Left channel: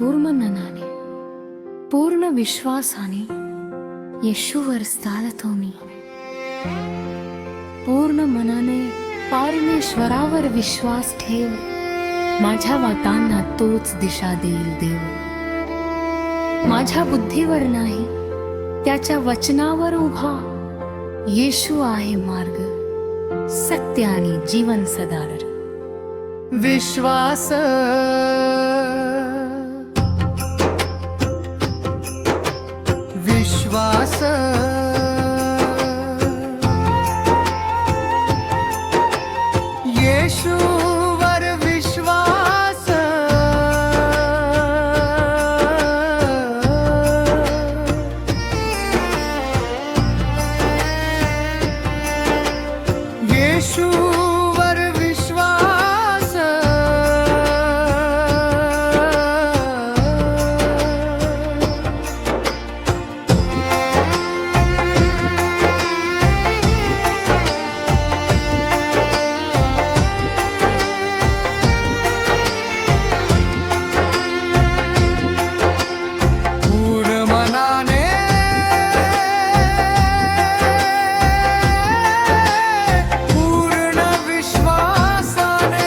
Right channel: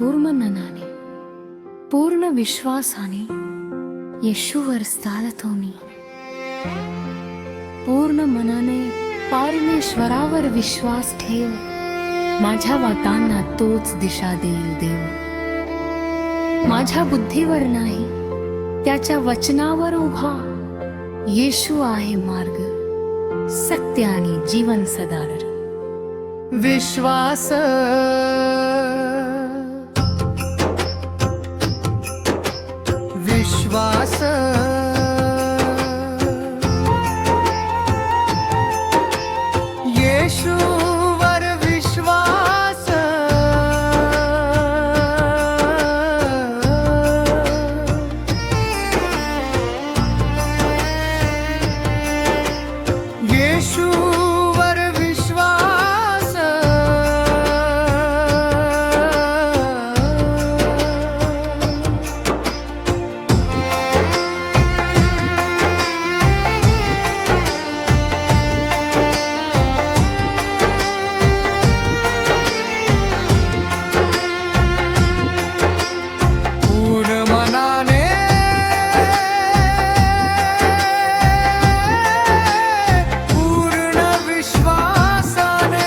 पूर्ण मनाने पूर्ण विश्वासाने येशूवर चालतो मी. पूर्ण मनाने परमेश्वरावर विश्वास ठेव. माझ्या वाटांना तोच दिशा देईल देव. माझ्या बुद्धीवर नाही त्याच्या वचनावर उभा. येशू आहे मार्ग, सत्य आणि जीवन सदार. विश्वास विश्वास येशूवर विश्वास. येशूवर विश्वास. पूर्ण मनाने पूर्ण विश्वासाने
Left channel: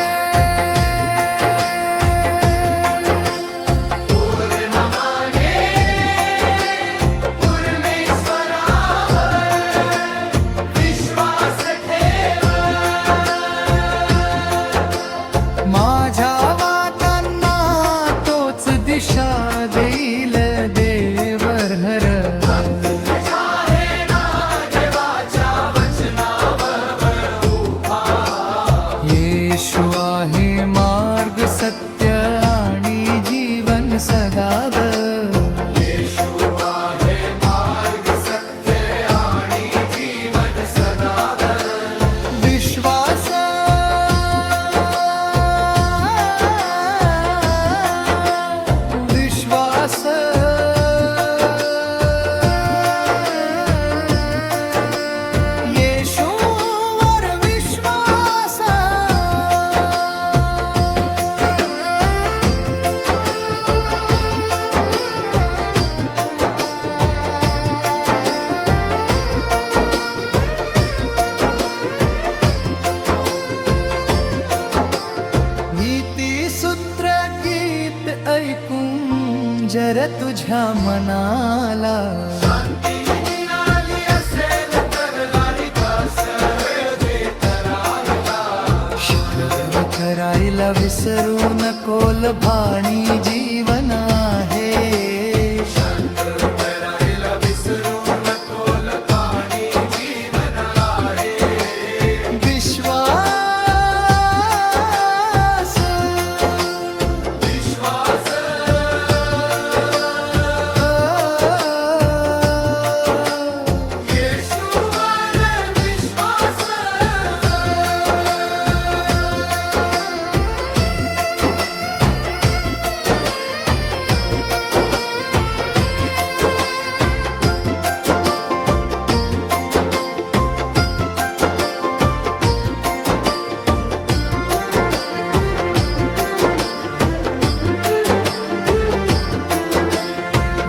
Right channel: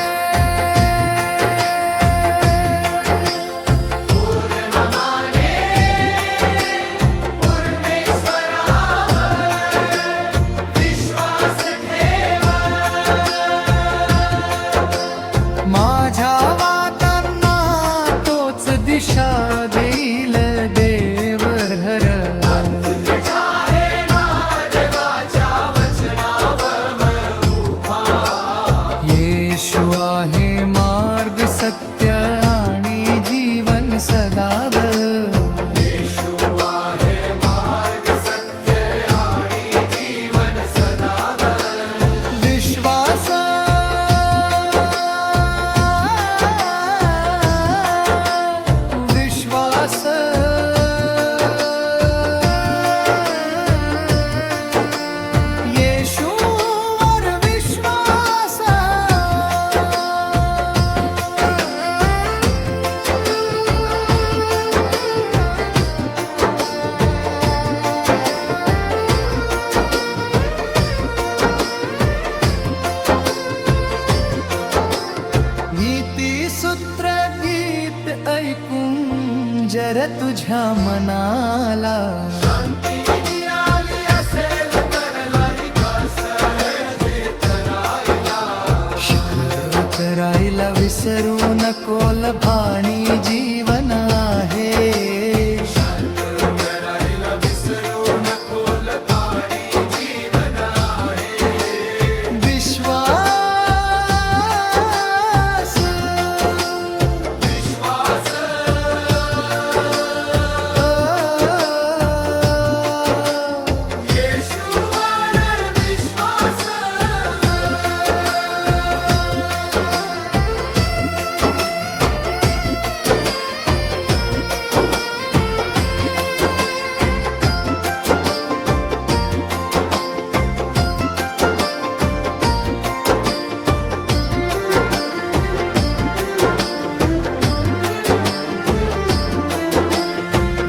माझ्या वाटांना तोच दिशा देईल देवहर. येशू आहे मार्ग, सत्य आणि जीवन सदाब. विश्वास विश्वास येशूवर विश्वास. नीती सूत्र गीत ऐकून जर तुझ्या मनाला शुक्र करायला विसरू नकोल. भाणी जीवन आहे.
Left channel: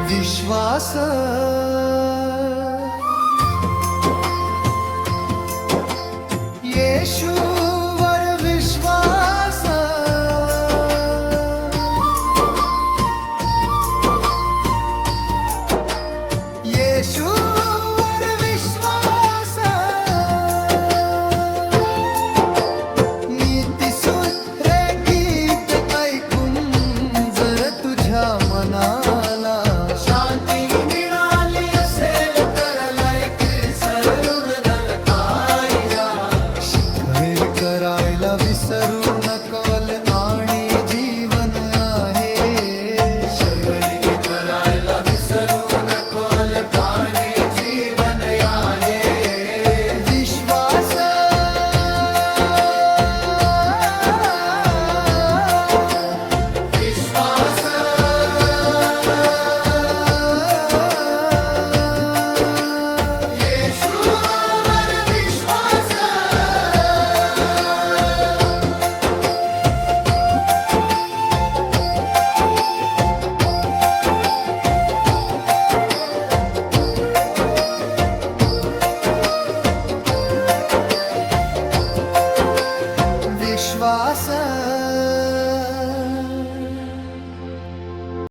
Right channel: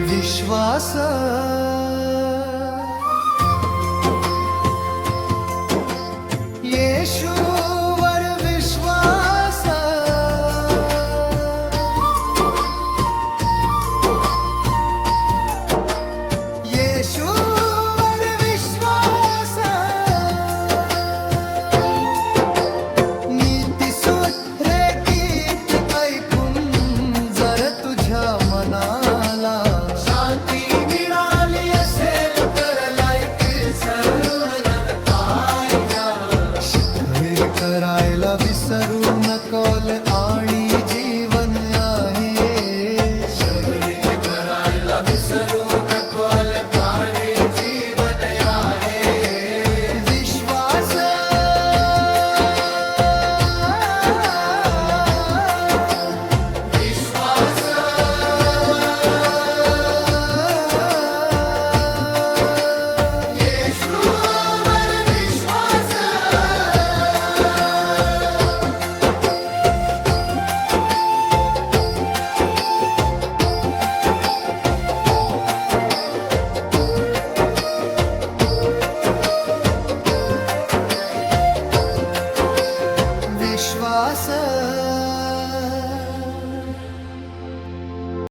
विश्वास येशूवर विश्वास. येशूवर विश्वास. नीतिसूत्रे गीत ऐकून जर तुझ्या मनाला करायला विसरू नकोल. आणि जीवन आहे. करायला विसरू नकोल. पाणी जीवन आहे. विश्वास विश्वास विश्वास